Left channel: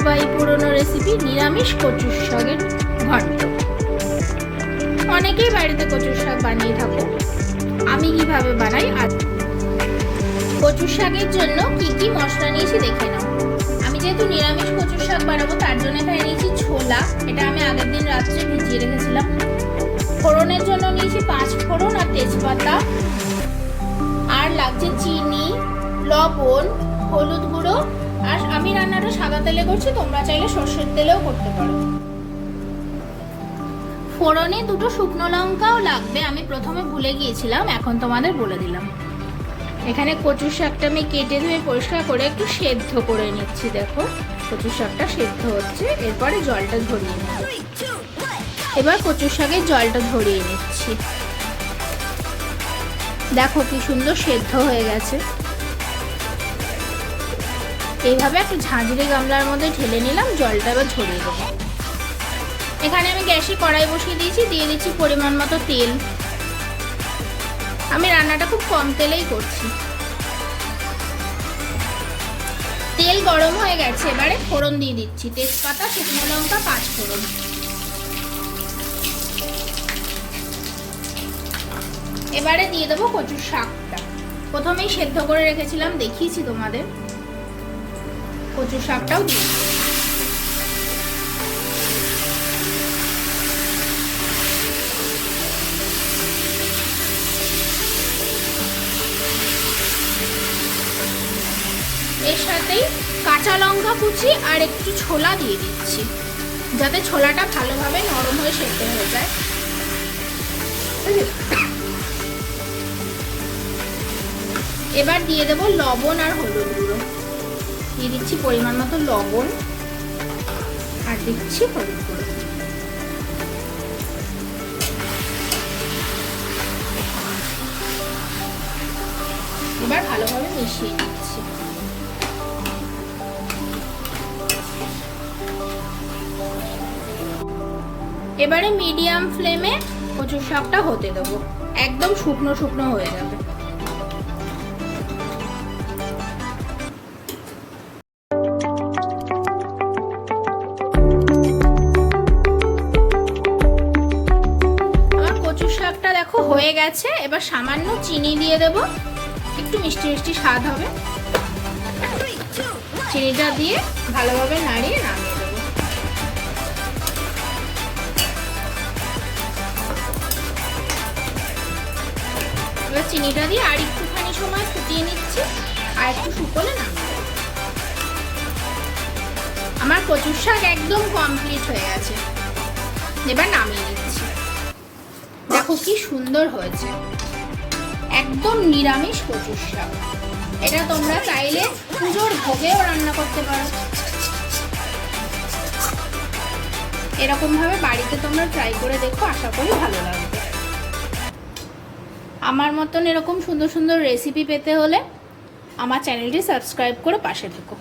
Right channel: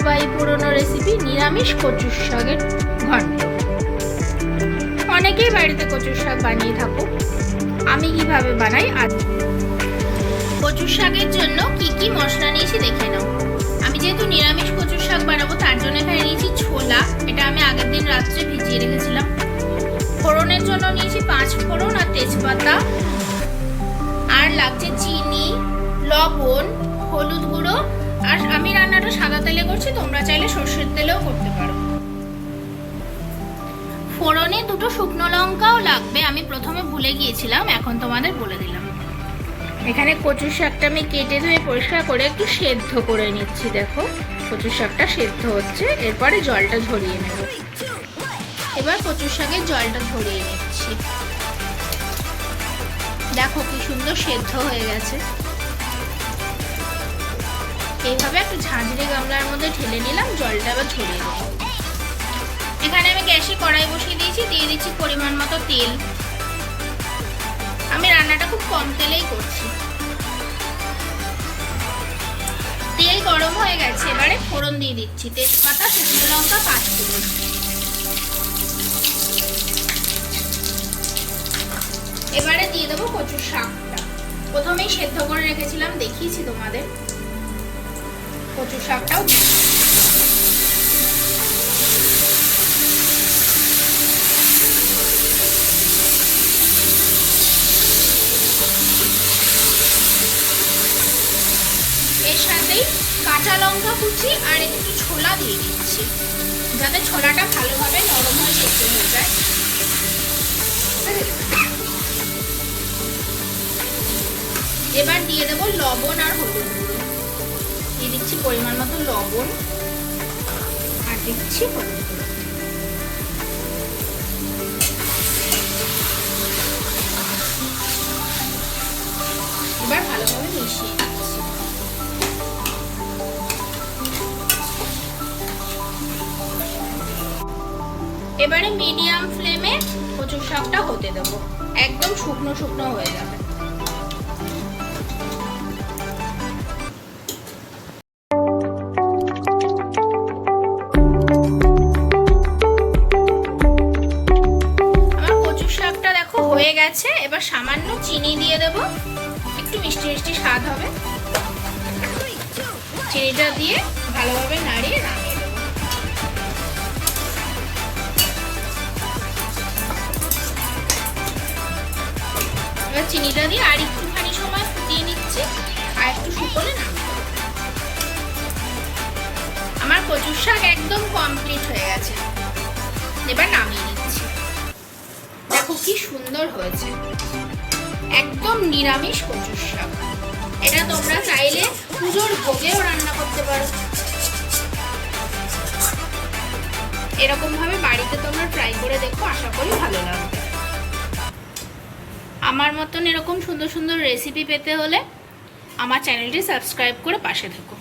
ঐতিহ্যবাহী পুরনো রেসিপি নিরামিষ কচুর শাকের ঘন্ট। অনেকেই বাড়িতে কচুর শাক বানিয়ে থাকো, আমি কিভাবে বানাই আজ। কচুর শাকের জন্য কি কি মশলা নিয়েছি দেখে নাও। আমি যেহেতু নিরামিষ কচুর শাক বানাবো তার জন্য এখানে নিয়েছি ছোলা, এটা আমি আগের দিন রাত্রে ভিজিয়ে রেখেছিলাম। ফোড়নের জন্য নিয়েছি 5 ফোড়ন আর তেজপাতা, আর লাগছে চিনি, লবণ, হলুদ গুঁড়ো, আর আমি রান্নাটা সাদা তেলে করছি, তোমরা চাইলে সর্ষের তেলেও করতে পারো। ফোড়নে 2টো শুকনো লঙ্কাও লাগবে, আমি প্রথমে ভুলে গিয়েছিলাম, এখন তোমাদের বলে দিলাম। এখানে কচুর শাকটা আমি কেটে ধুয়ে পরিষ্কার করে একটু সেদ্ধ করে নিচ্ছি। দেখো কচুর শাকটা সেদ্ধ হচ্ছে, এরপরে জলটা ঝরিয়ে নেব। এবার কচুর শাকের জলটা ঝরিয়ে নিচ্ছি। দেখো কি সুন্দর সেদ্ধ হয়ে গেছে। এইভাবে একটা ঝাঁঝরে গামলার মধ্যে ঢেলে নিলাম, জলটা আবার ঝরিয়ে দেবো। এখানে আমি গ্যাসে কড়াই বসিয়ে দিয়েছি, দিয়ে দিচ্ছি পরিমাণ মতো তেল। আমি রান্নাটা খুব কম তেলেই করছি। তেল গরম হয়ে গেছে, এবারে ফোড়ন দিয়ে দিচ্ছি, তেজপাতা, শুকনো লঙ্কা, 5 ফোড়ন। এবারে দিয়ে দেবো কচুর শাকটা, প্রথমেই সেদ্ধ করে রেখেছিলাম, দেখিয়েছি তোমাদের। কচুর শাকটাও দিয়ে এর সাথেই কাঁচা লঙ্কা কুচি আর একটু ছোলা দিয়ে দিচ্ছি, যাতে ছোলাটা ভালোভাবে নরম হয়ে সেদ্ধ হয়ে যায়। এবার দিয়ে দেবো লবণ আর হলুদ গুঁড়ো, দিয়ে দিচ্ছি পরিমাণ মতো লবণ আর দিচ্ছি হলুদ গুঁড়ো। এবার ভালোভাবে মিশিয়ে দিচ্ছি। এবারে মিডিয়াম ফ্লেমে কচুর শাকটা হতে দেবো, একদম শুকনো শুকনো হয়ে যাবে। আমার কচুর শাকটা দেখো হয়ে গেছে, এবার সামান্য চিনি দিয়ে দেবো, একটু মিষ্টি মিষ্টি স্বাদ হবে। চিনিটা দিয়ে ভালোভাবে নাড়িয়ে নামিয়ে দেবো। এবার চিনিটা দিয়ে আর একটুখানি সময় ফুটিয়ে নিচ্ছি, আর একটু ফুটলে নামিয়ে দেবো। আমার কচুর শাক একদম কমপ্লিট হয়ে গেছে, এবার নামিয়ে নিচ্ছি। দেখো কি সুন্দর হয়েছে, একদম নিরামিষ কচুর শাক। এটা তোমরা চাইলে পুজোর ভোগেও রান্না করতে পারো। এরকম ভাবে বাড়িতে তোমরা ট্রাই করে দেখো, আশা করি ভালো লাগবে। আমার মতন এরকম সুন্দর সুন্দর রেসিপি পেতে হলে আমার চ্যানেলটি সাবস্ক্রাইব করে পাশে থাকো।